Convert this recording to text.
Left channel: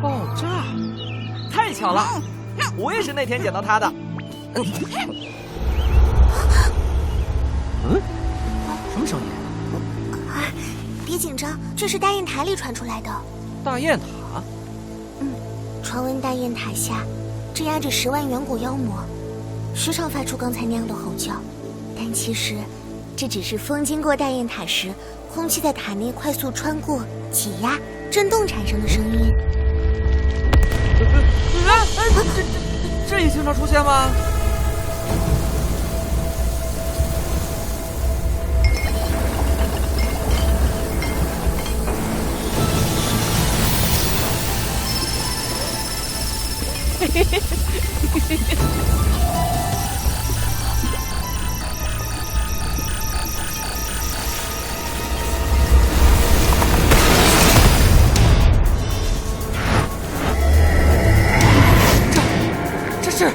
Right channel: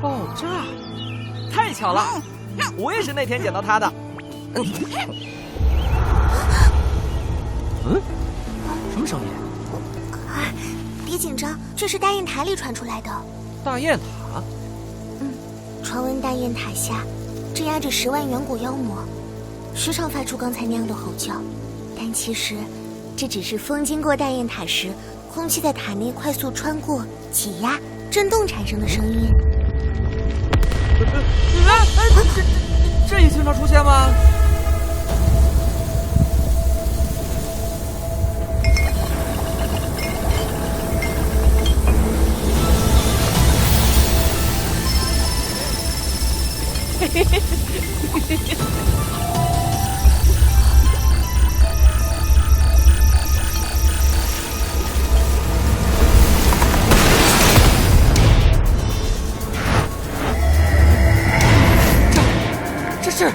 爆炸！太巧了，我也是那天捡到它的。什么声音？别紧张，这是大雁塔里传出来的。大雁塔？传闻大雁塔下镇压着10万远古妖魔，时常发出刚才那样的吼叫，但其实这只是风经过大雁塔时，空气在塔内快速穿过、挤压、震动产生的声音。这也经常出现吗？这是